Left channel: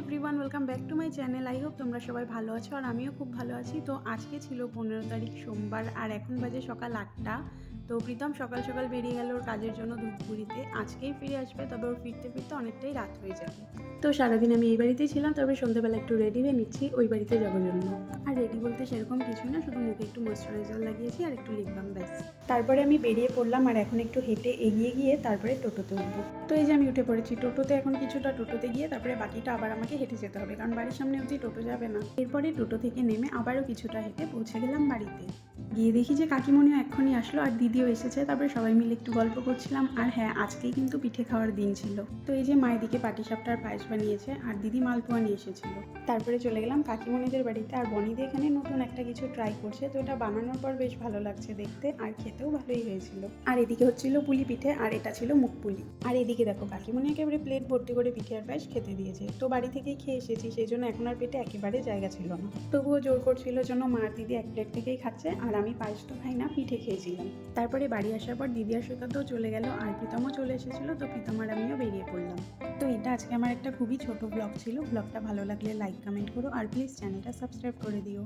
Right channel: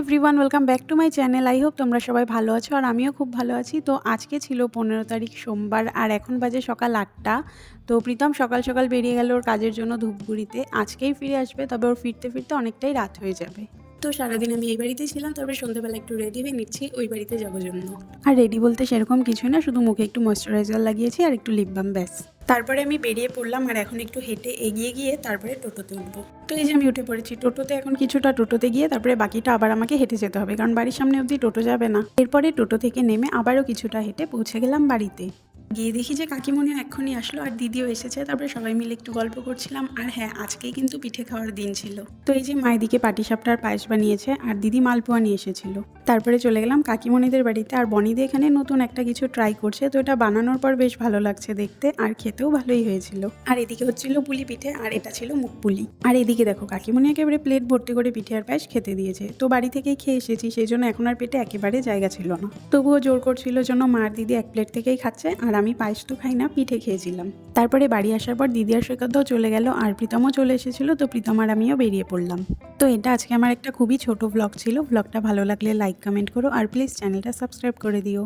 Everyone welcome back to my channel I hope তোমরা সবাই ভালো আছো আর আমিও খুব ভালো আছি। তো আজকে ছিল পনেরো তারিখ সোমবার আর এখন বাজে সকাল আটটা। তো প্রীতম সকাল সকাল বেরিয়ে গেল ওর কাজের জন্য ধূপগুড়িতে। আজকেই ফিরে আসবে, তবে ওর ফিরতে ফিরতে অনেকটাই রাত হয়ে যাবে। তো সারাদিন আমি এই বাড়িতেই ছিলাম তারপরে সন্ধ্যাবেলা একটু রেডি হয়ে নিচ্ছি ওই বাড়িতে যাব জন্য। আর রেডি বলতে সেরকম কিছু না শুধু মুখে একটু ময়শ্চারাইজার লাগিয়েছি আর একটু লিপ বাম ব্যাস। তারপরে আমি বেরিয়ে পড়লাম আর এখন একটু হেঁটে এগিয়ে গিয়ে তারপরে টোটোতে উঠবো। তো এই যে আমি উঠে পড়েছি টোটোতে এখন কিছুটা টোটোতে গিয়ে তারপরে বাকিটা আবার আমাকে হেঁটে যেতে হবে কারণ বাড়ির সামনে অবধি টোটো যাবে না। এরপরে টোটো থেকে নেমে আবারও কিছুটা হেঁটে পৌঁছে গেলাম বাড়িতে। গিয়ে দেখি যে কাকিমণিও এক্ষুনি আসলো আর দিদিও এসেছে। তারপরে সবাই মিলে একটু গল্প করছিলাম। আর হ্যাঁ আজকেই কিন্তু পিঠে খাওয়ার দিন ছিল। তো এই যে মায়ের দিকে পাটিসাপটার পায়েস বানিয়েছে আর দিদি মালপোয়া নিয়ে এসেছিল। তারপরে চলে গেলাম কাকিমণিদের বাড়িতে। আর বনিদি এখানে নতুন একটা কিছু ট্রাই করছে। তো এটা বানানোর পর বেশ ভালো লাগছে দেখতে। আর খেতেও ভালোই হয়েছিল। আর এদিকে হচ্ছিল পুলি পিঠে আর এটা ছিল মুখ পুলি। আর এদিকে দেখো, কাকিমণি একেবারে প্লেট ভর্তি করে পিঠে আর পায়েস খেতে দিয়েছে। তো বাড়ি থেকেই খেয়ে এসেছি। সেই জন্য এখন আর পেটে একেবারে জায়গা ছিল না। তবুও জোর করছিল জন্য মার দিদি এক প্লেট থেকেই খাচ্ছে। আর আমি পায়েস তো খাই না, পিঠে খেয়েছিলাম। তারপরে বাড়ি আসার পর দিদি আর সৈকতও চলে গেল, আর প্রীতমও চলে এসেছিল, তো প্রীতম আর আমিও বেরিয়ে পড়লাম। তো এটা আজকে আমার একটা খুবই ছোট ব্লগ ছিল। ব্লগটা ভালো লাগলে লাইক কমেন্ট করো, আর প্লিজ চ্যানেলটা সাবস্ক্রাইব করে দিও।